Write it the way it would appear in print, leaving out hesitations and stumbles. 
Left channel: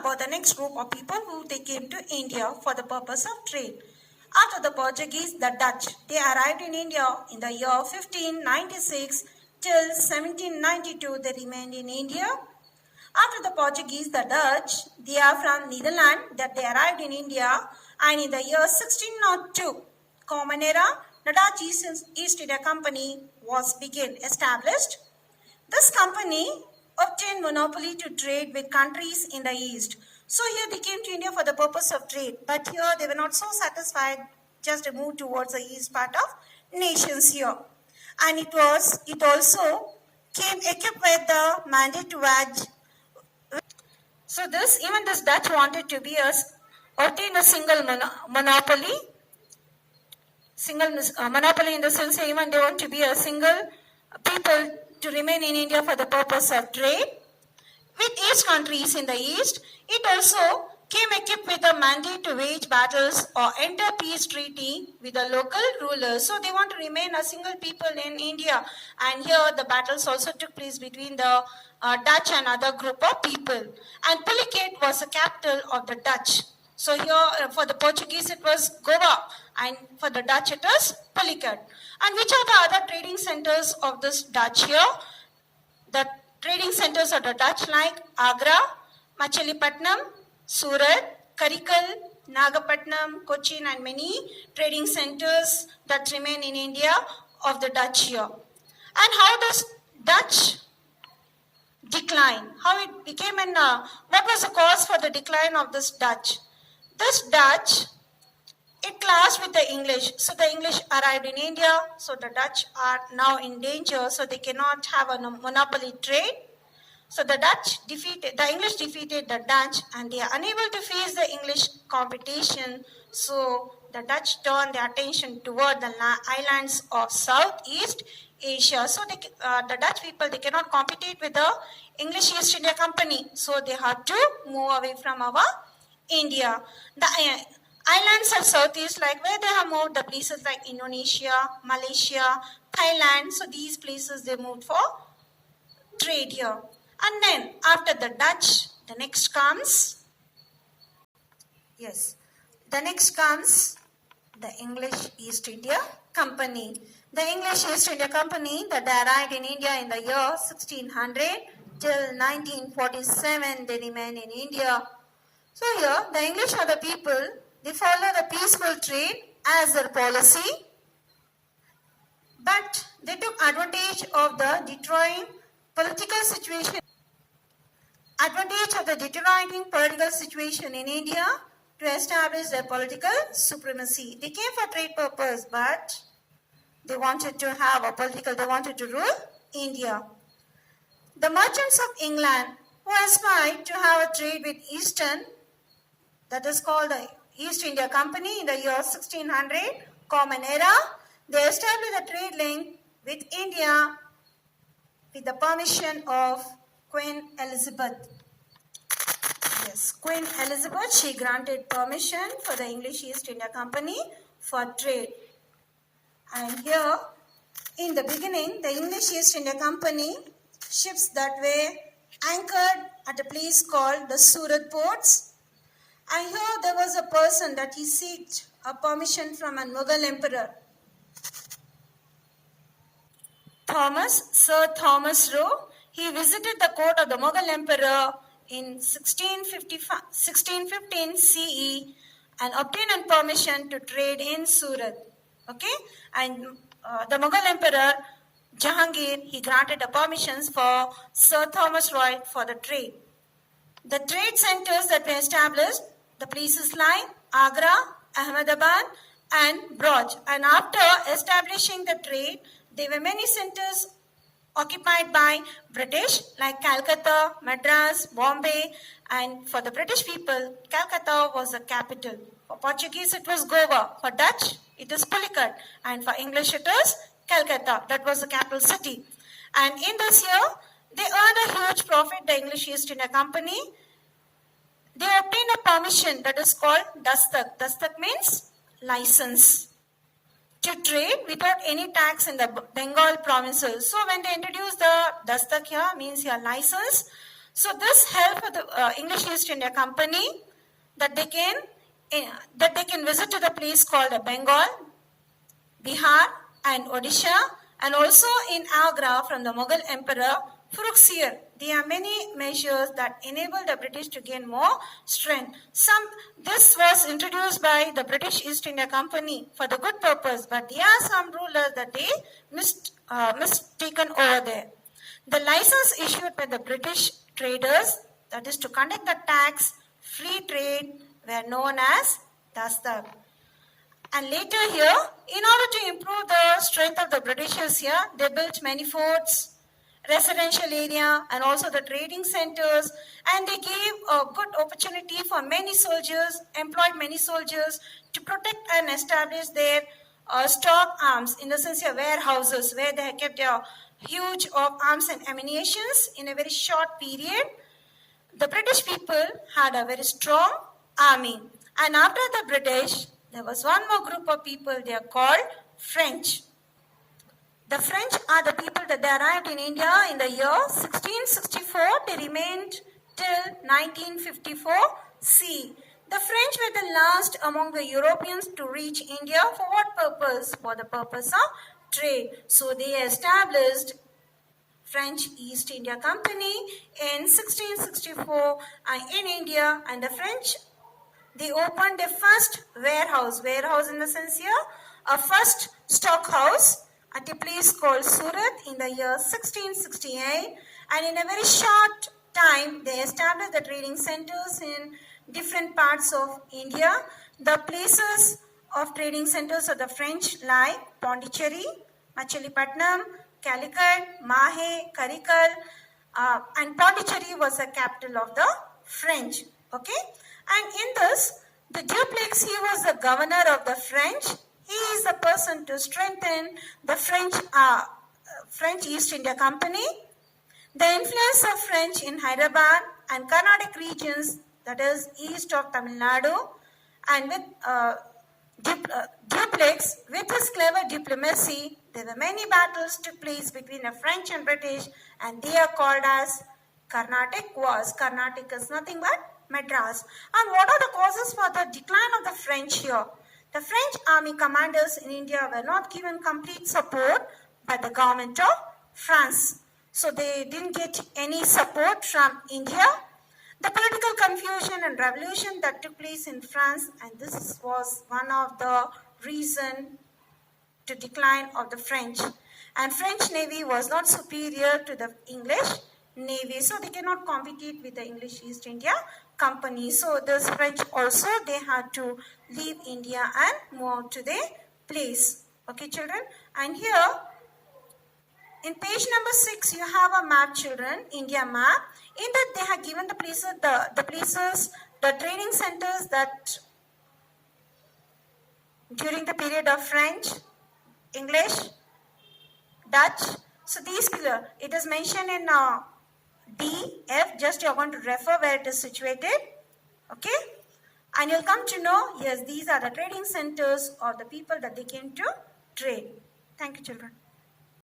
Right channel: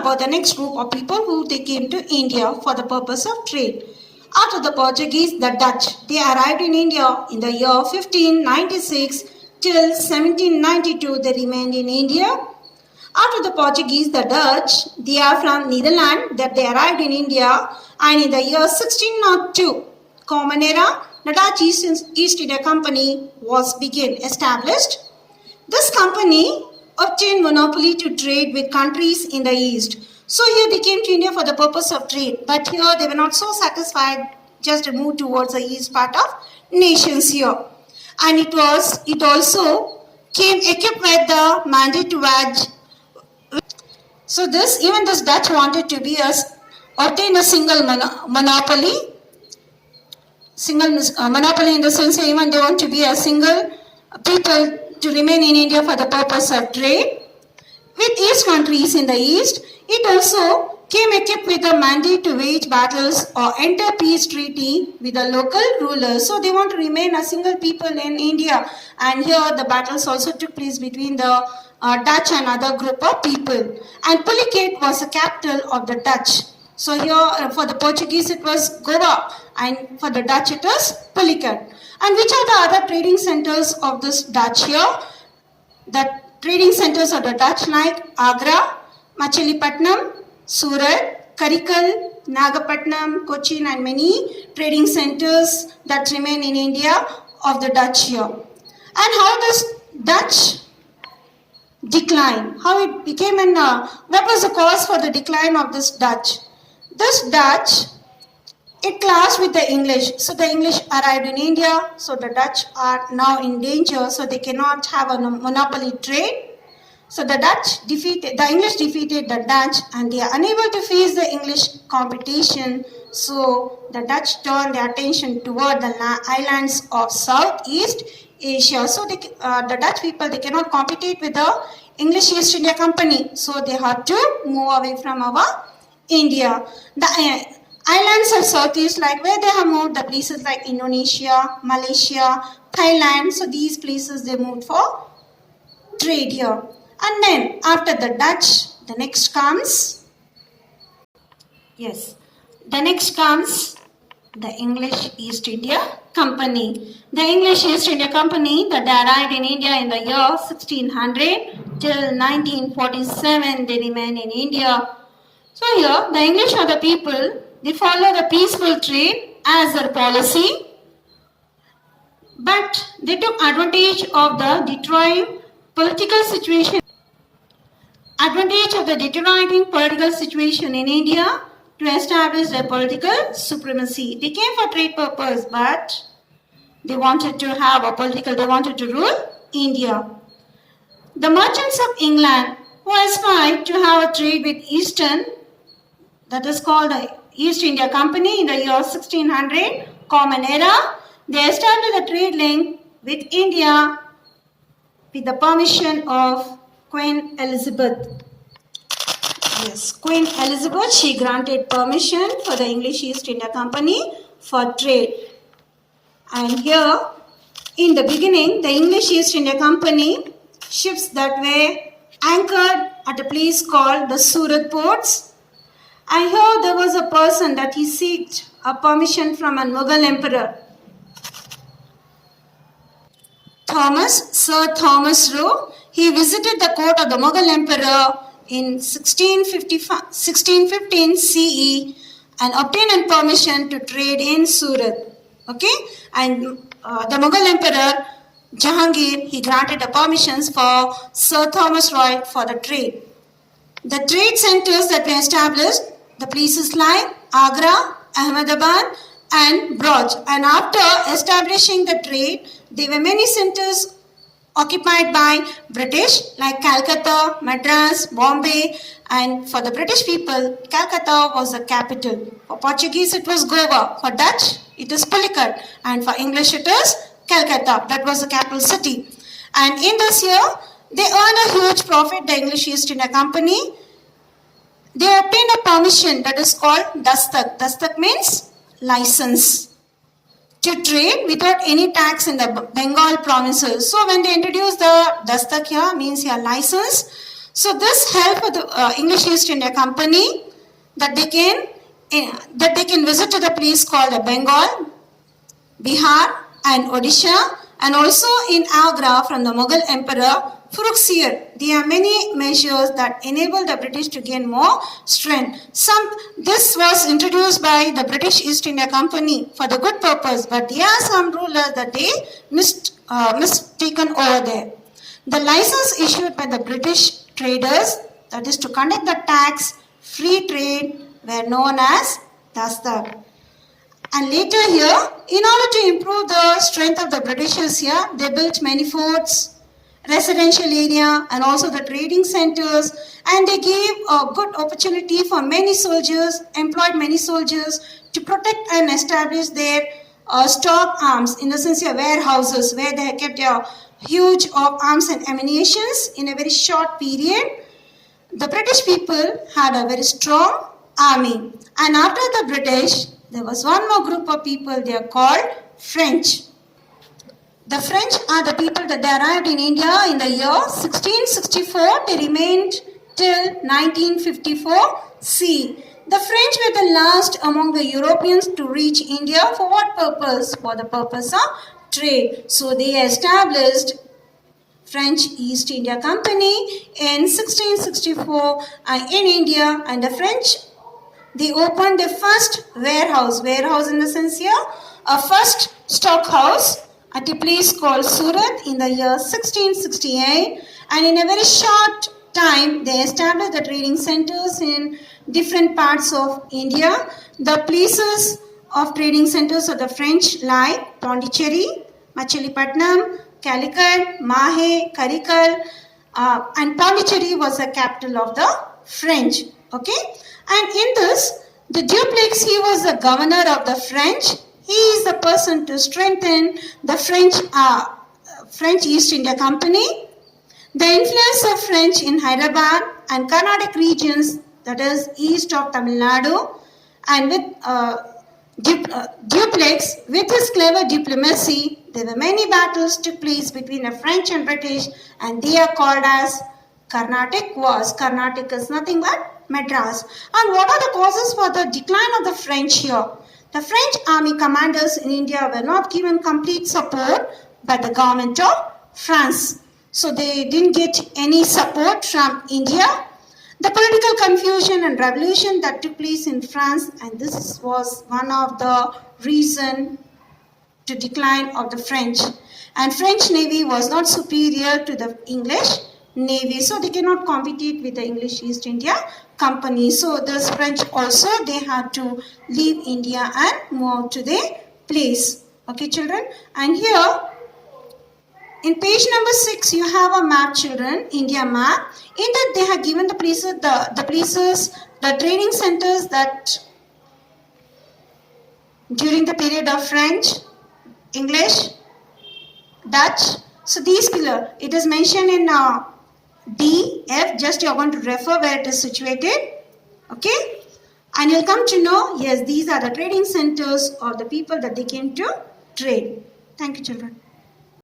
about the next group of people who they came to India for the purpose of trade. After the Portuguese, the Dutch, they arrived in India in the year 1596 till 1792 they remained in India. After the Portuguese, the Dutch, they are from Netherlands, that they arrived in India, and in the year 1602, Common Era, the Dutch East India Company was established. This company obtained monopoly to trade with countries in the East. So here they came to India for the purpose of trade, but here they were not so satisfied, just moved towards the east part of nations here. And it also came equipped with the mandate to wage. So even this Dutch wanted to obtain a single monopoly. Monopoly in the sense even they want to be a single people to remain in India for the purpose of trade with East countries in the East. It also came equipped with a mandate to wage battles or enter peace treaty with the local rulers. So they want to remain a single people in India. And here the battles also took place between the Dutch and other group of people. And Pulicat was the capital of the Dutch. So here for the Portuguese it was Goa, and for the Dutch it was Pulicat. And which are the other trading centers of this Dutch here? The trading centers of the Dutch like Agra, Machilipatnam, Surat, Karikal, Nagapatnam, Cochin, and many trading centers that remain in India of the Dutch here. And how does Dutch decline? How it became what was the cause for the decline of this Dutch? This Dutch, it clashed with the English. So the English arrived in India, so the Dutch are now in danger, so they cannot have a monopoly trade. So the English defeated the Dutch, and they are unable to face the English competition. So the Dutch turned their attention toward the islands of Southeast Asia. So the Dutch people, they cannot compete with the English East India Company. So they had to move away from our India. The islands of Southeast, like where they have moved, the places like Indonesia, Malaysia, Thailand. So these places they moved for trade here. And then after the Dutch, the next comes the English East India Company. The English East India Company that arrived in India in the year 1600 till 1947, they remained in India. So here the English are the people, they follow the peaceful trade as their policy, but they took advantage of the deteriorating political situation in India to establish their political supremacy. They came for trade purpose, but they wanted to rule India. The merchants of England who aspired to have a trade with Eastern, that is called the East India Company in the year 1600, Common Era, they established a trade link with India with the permission of Queen Elizabeth. Yes, Queen Elizabeth, she granted permission for the English East India Company for trade. And here, in the beginning, the English East India Company, ships that were anchored at a place called the Surat ports. And here there was a person that he sought a permission from a Mughal emperor. Sir Thomas Roe, he visited the court of the Mughal emperor in 1615 CE and obtained permission to trade in Surat. Okay, and the Mughal emperor Jahangir, he granted the permissions for Sir Thomas Roe for the trade. The trade centers that were established, the places like Agra, Ahmedabad, and Braj. And after establishing the trade, there were many centers occupied by British like Calcutta, Madras, Bombay, and for the British people, Calcutta was the capital. For Portuguese, it was Goa. For Dutch, it is Pulicat. And for English, it is Calcutta. That was the capital city. And in this year, they earned a huge profit, the English East India Company. They obtained a permission that is called Dastak. Dastak means license to trade without any tax in the Bengal provinces. So when they introduced the Dastak here, means your license. So this helped the English East India Company that they can visit to the place called Bengal, Bihar and Odisha, and also in Agra from the Mughal Emperor Farrukhsiyar. There are many measures that enable the British to gain more strength. This was introduced by the British East India Company for the good purpose, but there are some rulers that they mistaken over there. The license issued by the British traders, that is to conduct the tax free trade, were known as Dastak. And later here, in order to improve the strength of the Britishers here, they built many forts, residential area, and also the trading centers, and they gave a good opportunity for many soldiers, employed many soldiers to protect and establish their stock arms, in the sense of warehouses where they kept their huge arms and ammunitions in a very short period. The British people had a very strong army, and after the British, there was one more group of people. They are called French. The French are the people that they arrived in India in the year 1664. They remained till 1954 C. The French were the last among the Europeans to reach India. For what purpose? For the purpose of trade. So they established French East India Company in 1664 in India, and the French, they opened the first warehouse in the sense here, a first stock house at a place called Surat in the year 1668, and in a very short time they established the trading centers in different parts of India. The places of trading centers of the French like Pondicherry, Machilipatnam, Calicut, Mahe, Karikal, and Pondicherry was the capital of the French. Okay, and in this, the Dupleix, he was the governor of the French. He is the person to strengthen the French East India Company. The influence of French in Hyderabad and Carnatic regions, that is east of Tamil Nadu, and with Dupleix, with his clever diplomacy, there were many battles took place between the French and British, and they are called as Carnatic Wars. Carnatic is nothing but Madras. And what are the causes for the decline of the French here? The French army commanders in India were not given complete support by the government of France. So they didn't get any support from India. The political confusion and revolution that took place in France, and this was one of the reasons to decline of the French. And French Navy was not superior to the English Navy, so they cannot compete with the English East India Company. So this French also, they had to leave India and move to their place. Okay, children. And here, in page number 6, you have a map, children, India map. In that they have given the places, the trading centers that during the period of French, English, Dutch. So these pillars, it is mentioned in D, F, just you are going to refer where it is situated. Okay? And you'll come to know, yes, these are the trading centers of the people that they came to trade. Thank you, children.